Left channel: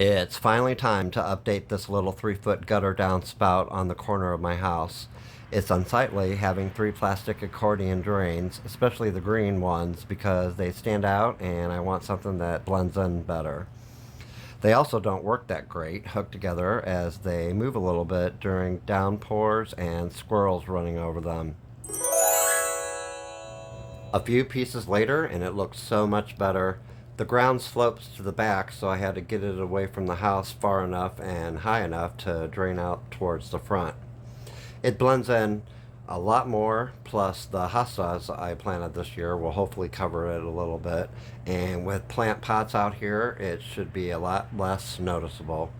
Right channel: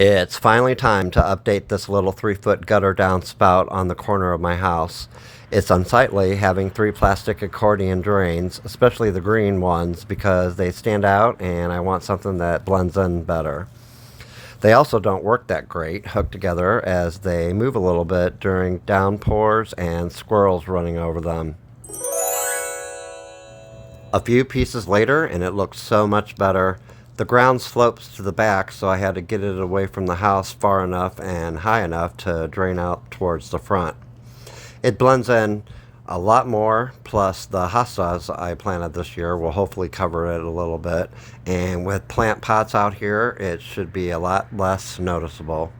It's finally time to update this little 3 foot gutter downspout on the corner of my house. It's unsightly having three plastic accordion drains, especially the green ones, because they stand out and I want something that blends in better. They also don't work that great hooked together as they move a little bit during downpours and squirrels running over them. A few pieces later, and it looked so much better. The ground slopes to the back, so I had to get it away from the house far enough and high enough to drain out towards the front. It blends in a lot more, plus the hostas I planted this year will hopefully cover it a little bit. And with plant pots out here, it should be a lot less noticeable.